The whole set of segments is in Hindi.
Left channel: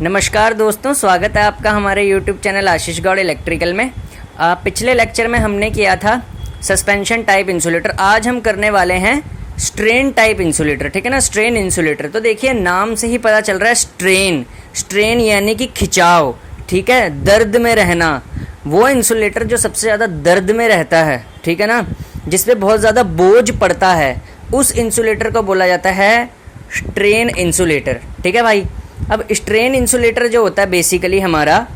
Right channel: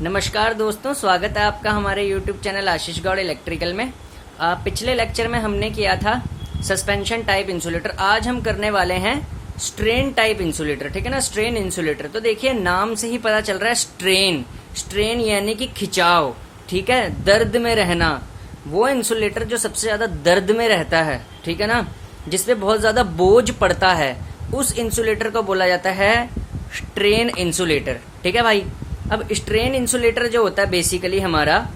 नमस्कार दोस्तों, स्वागत है आपका हमारे YouTube चैनल आशीष गौड़ इलेक्ट्रिकल में। पिछले लेक्चर में हमने किया था सस्पेंशन टाइप इंसुलेटर। आज हम करने वाले हैं स्ट्रेन टाइप इंसुलेटर। ठीक है ना, स्ट्रेन इंसुलेटर। तो देखिए नाम से ही पता चल रहा है स्ट्रेन। स्ट्रेन यानी कि खिंचाव, ठीक है, दर्द में रहना। वो इंसुलेटर जो सबसे ज्यादा दर्द में रहता है, ठीक है ना, जिसपे बहुत ज्यादा बोझ पड़ता है, उस इंसुलेटर को बोला जाता है स्ट्रेन इंसुलेटर। ठीक है भाई। अब स्ट्रेन इंसुलेटर जो होता है बेसिकली हमारा,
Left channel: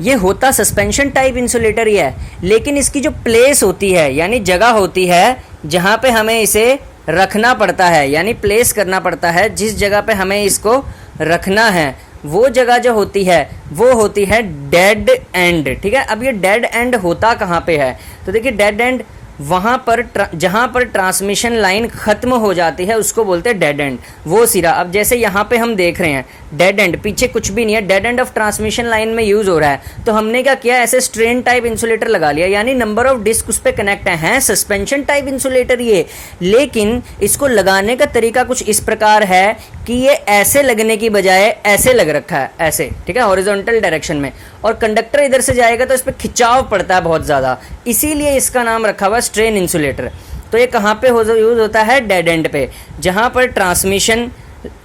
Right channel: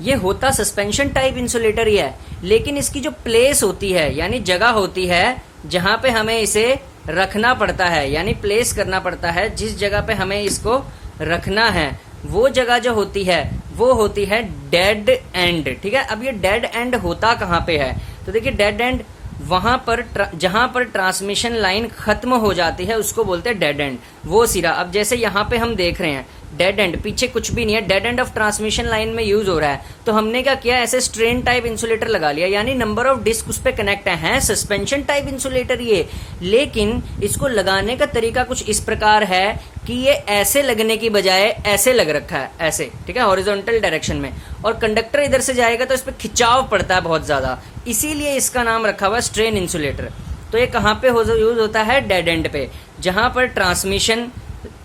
ये होता सस्पेंशन टाइप इंसुलेटर ही है, लेकिन इसकी जो प्लेस होती है यानी जगह होती है जहां पे हमें इसे रखना पड़ता है, यानी प्लेस करना पड़ता है, जिस जगह पे हमें इसको रखना है, वो जगह जो होती है वो होती है डेड एंड। ठीक है। अब ये डेड एंड होता कहां पे है, तो देखिए डेड एंड वहां पर जहां पर ट्रांसमिशन लाइन खत्म हो जाती है उसको बोलते हैं डेड एंड, वो सिरा। अब जैसे यहाँ पे हम देख रहे हैं डेड एंड, पीछे कुछ भी नहीं है, dead end of transmission line में यूज हो रहा है, तो हमने क्या किया, ऐसे स्ट्रेन टाइप इंसुलेटर लगा लिया, यानी नंबर ऑफ डिस्क उस पे कनेक्ट है सस्पेंशन टाइप इंसुलेटर ये, लेकिन इसको लगाने का तरीका कुछ इस प्रकार है कि ये ऐसे लगने की बजाय ऐसे लग रखा है, ऐसे, ठीक है, हॉरिजॉन्टल डायरेक्शन में, और कंडक्टर इधर से जाएगा तो इस पे खिंचाव पड़ता है बहुत ज्यादा, इसीलिए इसका नाम रखा हुआ स्ट्रेन इंसुलेटर। तो ये कहां पे यूज होता है, डेड एंड पे, जहां पर ट्रांसमिशन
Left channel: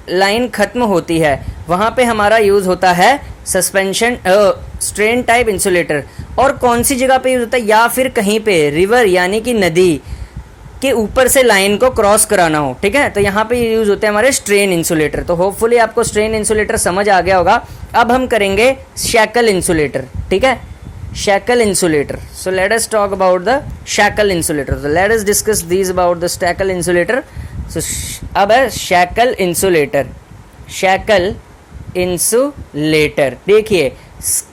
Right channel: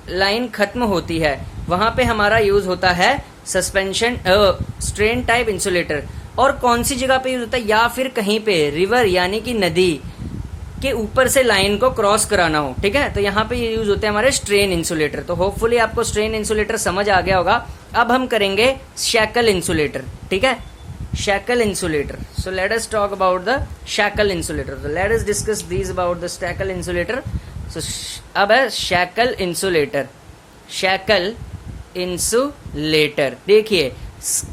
लाइन खत्म होती है वहां पे हमारा यूज होता है सस्पेंशन स्ट्रेन टाइप इंसुलेटर। और कौन सी जगह पे यूज होता है, या फिर कहीं पे रिवर यानी कि नदी के ऊपर से लाइन को क्रॉस कराना हो, ठीक है, तो यहाँ पे यूज होते हैं हमारे स्ट्रेन इंसुलेटर। तो होपफुली आपको स्ट्रेन इंसुलेटर समझ आ गया होगा। अब हम करेंगे शैकल इंसुलेटर। ठीक है, shackle insulator. So let us talk about the shackle insulator. So let us discuss these about the shackle insulator. So अब है शैकल इंसुलेटर। शैकल इंसुलेटर, देखिए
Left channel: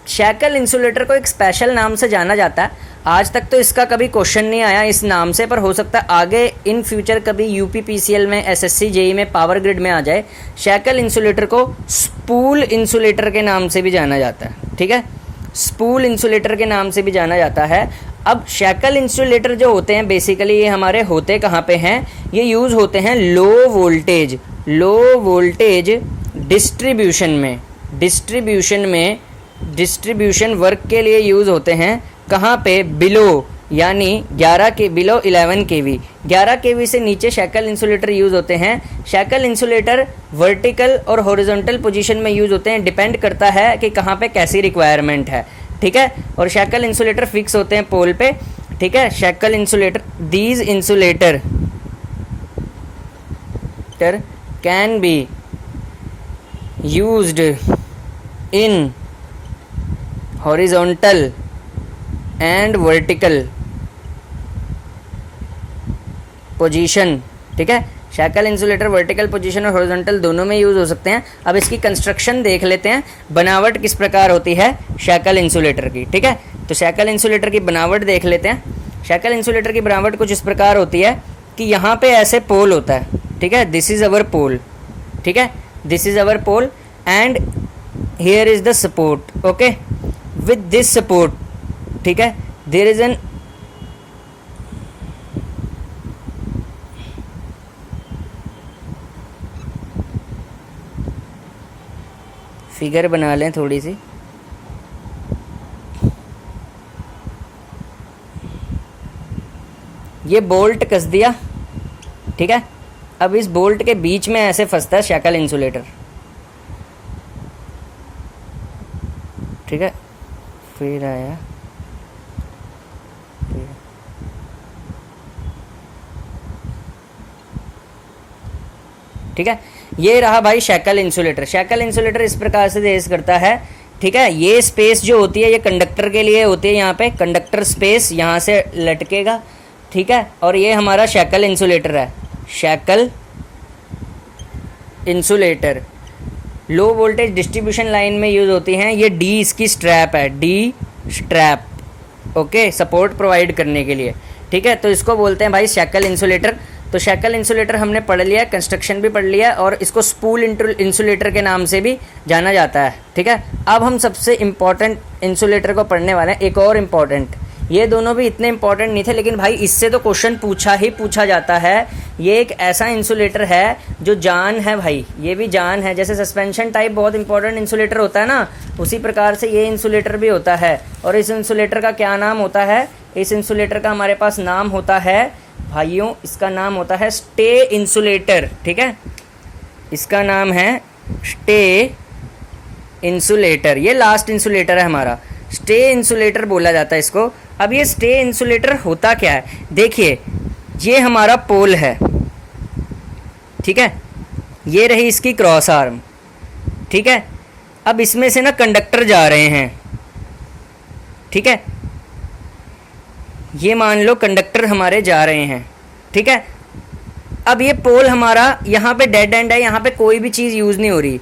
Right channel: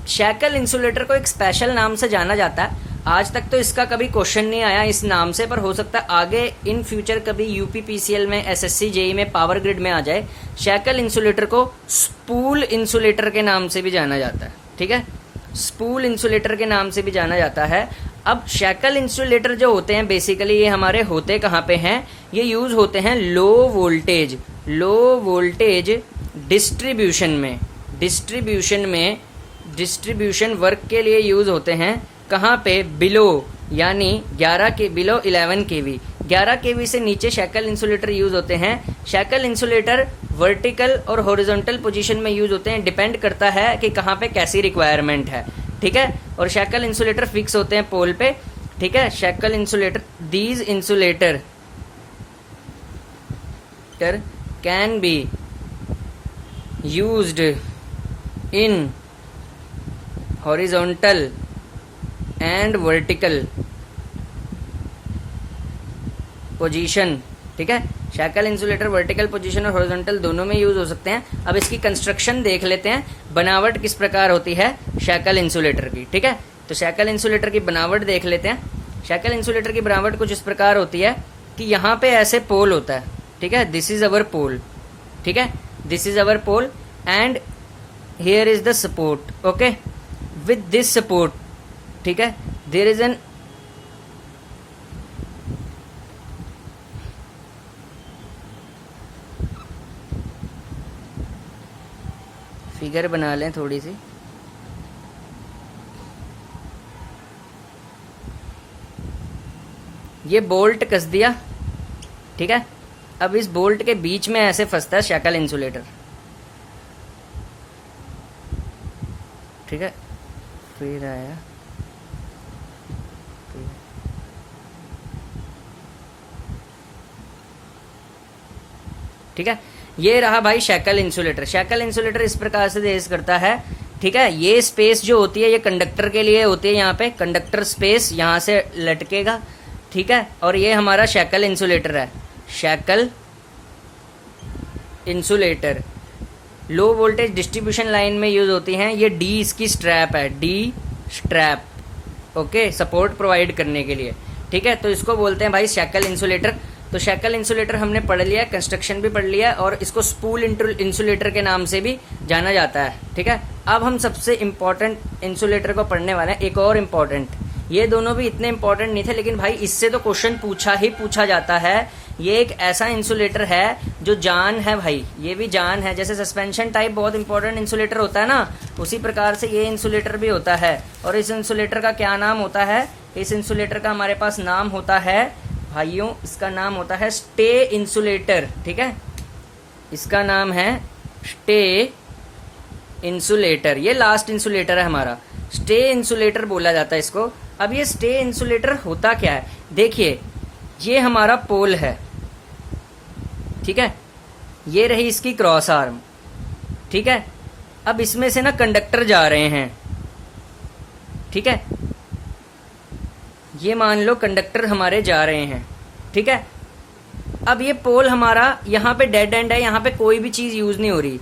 शैकल इंसुलेटर को एक स्पेशल नाम से जाना जाता है। आज तक तो इसका कभी क्वेश्चन नहीं आया इस नाम से, पर हो सकता है आगे इन फ्यूचर कभी यूपीपीसीएल में, एसएससी जेई में, पावर ग्रिड में आ जाए। शैकल इंसुलेटर को स्पूल इंसुलेटर के नाम से भी जाना जाता है। ठीक है, स्पूल इंसुलेटर के नाम से भी जाना जाता है। अब शैकल इंसुलेटर जो होते हैं बेसिकली ये हमारे होते कहाँ पे हैं, ये यूज होते हैं लो वोल्टेज डिस्ट्रीब्यूशन वर्क के लिए यूज होते हैं। कहाँ पे, बिलो, यानी 11 केवी 11 केवी से नीचे शैकल इंसुलेटर यूज होते हैं। शैकल इंसुलेटर वर्टिकल और हॉरिजॉन्टल पोजीशन में यूज होते हैं, डिपेंड करता है कि कहाँ पे कैसी रिक्वायरमेंट है। ठीक है, और शैकल इंसुलेटर फिक्स होते हैं पोल पे। ठीक है, shackle insulator, these insulator can be used in horizontal and vertical position. ठीक है, शैकल इंसुलेटर वर्टिकल पोजीशन और हॉरिजॉन्टल दोनों में यूज हो सकते हैं। अब इसकी कंस्ट्रक्शन देख लेते हैं, बनावट किस प्रकार होती है शैकल इंसुलेटर की। ठीक है, तो शैकल इंसुलेटर की बनावट देख लेते हैं। शैकल इंसुलेटर की बनावट कुछ इस प्रकार होती है कि यहाँ पे ऐसे पोल होता है। ठीक है, दिस इज अवर पोल। ठीक है, this is our pole and here is the support. Okay, with this support, ठीक है, देयर इज एन फिगर बना लें थोड़ी सी। ये बोल्ट कस दिया। ठीक है, अब इस बोल्ट के बीच में ऐसे फंसता है शैकल इंसुलेटर। ठीक है, फिर आया, ठीक है, ये रहा भाई शैकल इंसुलेटर। शैकल इंसुलेटर इस प्रकार से देश करता है। ठीक है, ये स्पेस जो होती है ये कंडक्टर के लिए होती है, यहाँ पे कंडक्टर स्पेस यहाँ से लटकेगा। ठीक है, और ये हमारा शैकल इंसुलेटर है। Shackle insulator low voltage distribution line में यूज होती हैं। ये डी इसकी स्ट्रैप है, D strap, okay, support provide करने के लिए। ठीक है, तो इसको बोलते हैं भाई शैकल इंसुलेटर। तो शैकल इंसुलेटर हमने पढ़ लिया, कंस्ट्रक्शन भी पढ़ लिया, और इसको स्पूल इंसुलेटर के नाम से भी जाना जाता है। ठीक है, अब हम सबसे इंपॉर्टेंट इंसुलेटर को पढ़ने वाले हैं, एक और इम्पॉर्टेंट। ये दोनों भी इतने इंपॉर्टेंट नहीं थे, लेकिन भाई इससे तो क्वेश्चन पूछा ही पूछा जाता है। ये एक ऐसा इंसुलेटर है जो जान है भाई, ये भी जान है। जैसे सस्पेंशन टाइप बहुत इंपॉर्टेंट इंसुलेटर होता है ना, उसी प्रकार से ये इंसुलेटर भी होता है। और इस इंसुलेटर का क्या नाम होता है? इस इंसुलेटर का हमारे पास नाम होता है भाइयों, इसका नाम होता है स्टे इंसुलेटर। ठीक है, इसका नाम है स्टे इंसुलेटर। ये लास्ट इंसुलेटर है हमारा, स्टे इंसुलेटर बोला जाता है इसको। अब ये स्टे इंसुलेटर होता क्या है? देखिए, ये हमारा पोल है, ठीक है, ये रही इसकी क्रॉस आर्म, ठीक है। अब इसमें से ना कंडक्टर जा रहे हैं, ठीक है, ये मान लो कंडक्टर हमारे जा रहे हैं, ठीक है। अब ये पोल हमारा यहाँ पे डेड एंड है, यहाँ पे कोई भी चीज यूज नहीं हो रही,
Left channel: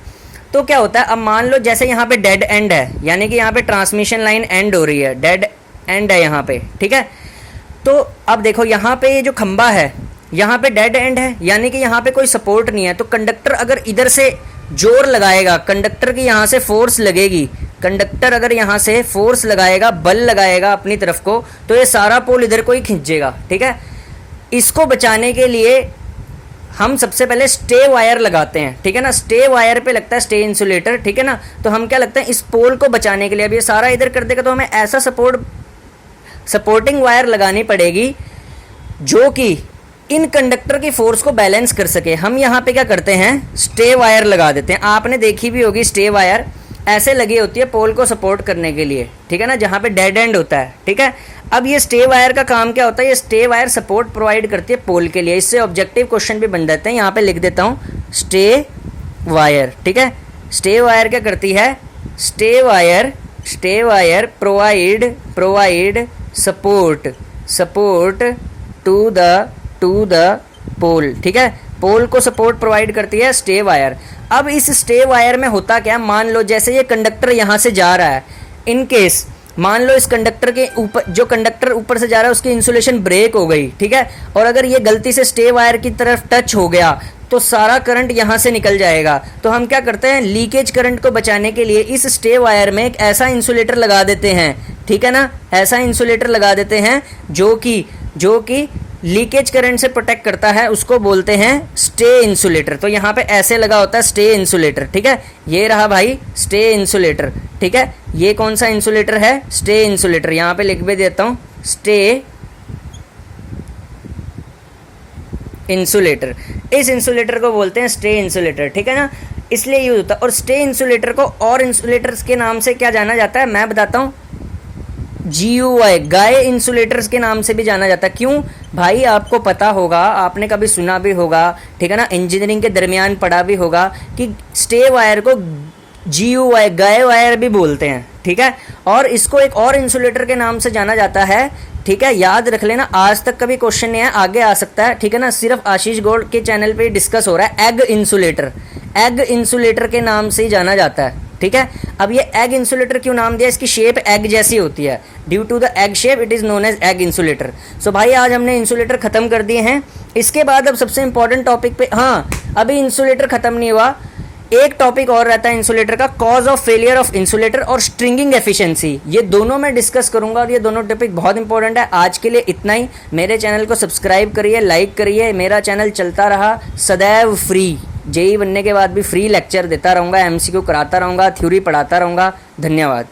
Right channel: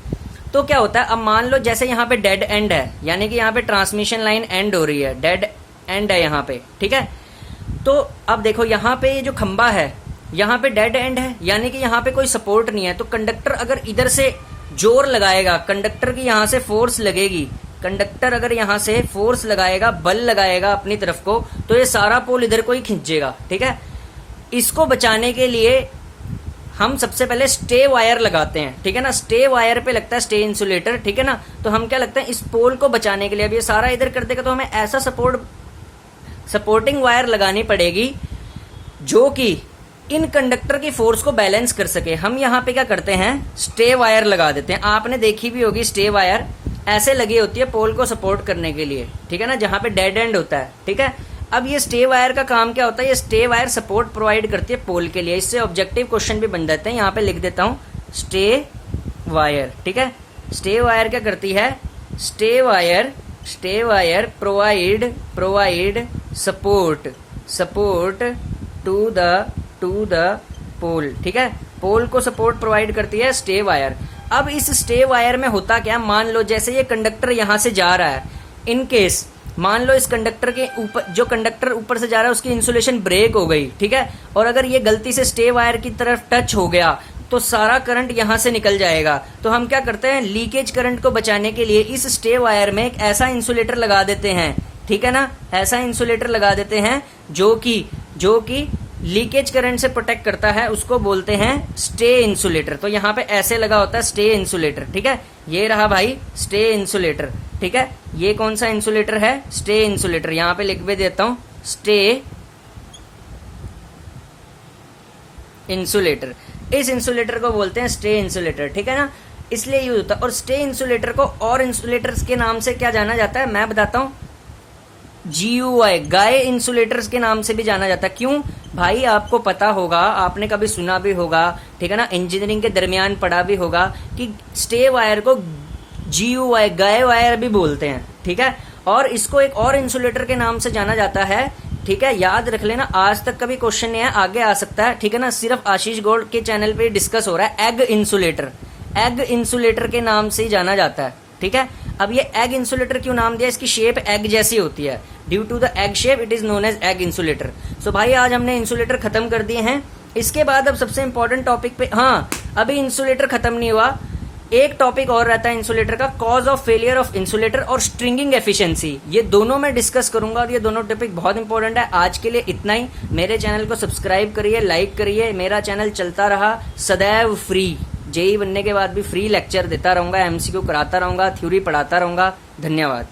तो क्या होता है? अब मान लो जैसे यहाँ पे डेड एंड है, यानी कि यहाँ पे ट्रांसमिशन लाइन एंड हो रही है, डेड एंड है यहाँ पे, ठीक है। तो अब देखो यहाँ पे ये जो खंबा है, यहाँ पे डेड एंड है, यानी कि यहाँ पे कोई सपोर्ट नहीं है। तो कंडक्टर अगर इधर से जोर लगाएगा, कंडक्टर की यहाँ से फोर्स लगेगी, कंडक्टर अगर यहाँ से फोर्स लगाएगा, बल लगाएगा अपनी तरफ को, तो ये सारा पोल इधर को ही खींचेगा, ठीक है। इसको बचाने के लिए हम सबसे पहले स्टे वायर लगाते हैं, ठीक है ना। स्टे वायर पे लगता है स्टे इंसुलेटर, ठीक है ना। तो हम क्या लगता है, इस पोल को बचाने के लिए, अब ये सारा इधर कर देगा तो हमें ऐसा सपोर्टिंग वायर लगानी पड़ेगी जो कि इन कंडक्टर की फोर्स को बैलेंस कर सके। हम यहाँ पे क्या करते हैं, स्टे वायर लगा देते हैं। आपने देखी भी होगी स्टे वायर ऐसे लगी होती है पोल को सपोर्ट करने के लिए, ठीक है ना, जहां पे डेड एंड होता है, ठीक है। अब ये स्टे वायर का काम क्या होता है? ये स्टे वायर सपोर्ट प्रोवाइड करती है पोल के लिए। इससे ऑब्जेक्टिव क्वेश्चन भी बन जाते हैं, यहाँ पे लिख देता हूं स्टे वायर, ठीक है। स्टे वायर क्या करती है? Stay wire provide support to the pole, ठीक है। पोल को सपोर्ट प्रोवाइड करती है स्टे वायर। अब इस स्टे वायर में होता क्या, मान लो जैसे ये कंडक्टर यहां से जा रहा है, इन केस मान लो इस कंडक्टर के ऊपर, जो कंडक्टर ऊपर से जा रहा है उसकी इंसुलेशन ब्रेक हो गई, ठीक है, और अगर ये गलती से स्टे वायर की तरफ टच हो गया तो सारा करंट यहां से निकल जाएगा। तो हम क्या करते हैं, लीकेज करंट को बचाने के लिए इस स्टे वायर में एक ऐसा इंसुलेटर लगा देते हैं, ठीक है ना। ऐसा इंसुलेटर लगा देते हैं जो कि लीकेज करंट से प्रोटेक्ट करता है, उसको बोलते हैं स्टे इंसुलेटर। तो यहाँ पे ऐसे लगा होता है स्टे इंसुलेटर, ठीक है। ये रहा भाई स्टे इंसुलेटर, ठीक है। ये कौन सा इंसुलेटर है? Stay insulator. यहाँ पे लिख भी देता हूं स्टे इंसुलेटर। इस इंसुलेटर को बोलते हैं स्टे इंसुलेटर, ठीक है ना, इसलिए यूज होता है। और स्टे इंसुलेटर को और इंसुलेटर्स के नाम से क्या जाना जाता है, मैं बताता हूं। GUI, गाय इंसुलेटर्स के नाम से भी जाना जाता है। क्यों भाई? आपको पता होगा, आपने कभी सुना भी होगा, ठीक है ना, इंजीनियरिंग के दरमियान पढ़ा भी होगा कि स्टे वायर को GUI, गाय वायर भी बोलते हैं, ठीक है। और इसको एक और इंसुलेटर के नाम से जाना जाता है, ठीक है, याद रख लेना। आज तक कभी क्वेश्चन नहीं है, आगे आ सकता है, ठीक है ना। सिर्फ आशीष गौड़ के चैनल पे डिस्कस हो रहा है। एग इंसुलेटर के नाम से ही जाना जाता है, ठीक है। अब ये एग इंसुलेटर क्यों नाम दिया? इसकी शेप एग जैसी होती है, due to the egg shape it is known as egg insulator. So भाई आज हमने इंसुलेटर खत्म कर दिए हैं। इसके बाद अब सबसे इंपॉर्टेंट टॉपिक पे, हाँ अभी इंसुलेटर खत्म नहीं हुआ, एक टॉपिक और रहता है इंसुलेटर का, cause of failure of insulator और स्ट्रिंगिंग एफिशिएंसी। ये दोनों मैं डिस्कस करूंगा और ये दोनों टॉपिक बहुत इंपॉर्टेंट है। आज के लिए इतना ही। मेरे चैनल को सब्सक्राइब करिए, लाइक करिए। मेरा चैनल चलता रहा सदैव फ्री, जेई बनने के बाद भी फ्री लेक्चर देता रहूंगा, MCQ कराता रहूंगा, थ्योरी पढ़ाता रहूंगा। धन्यवाद।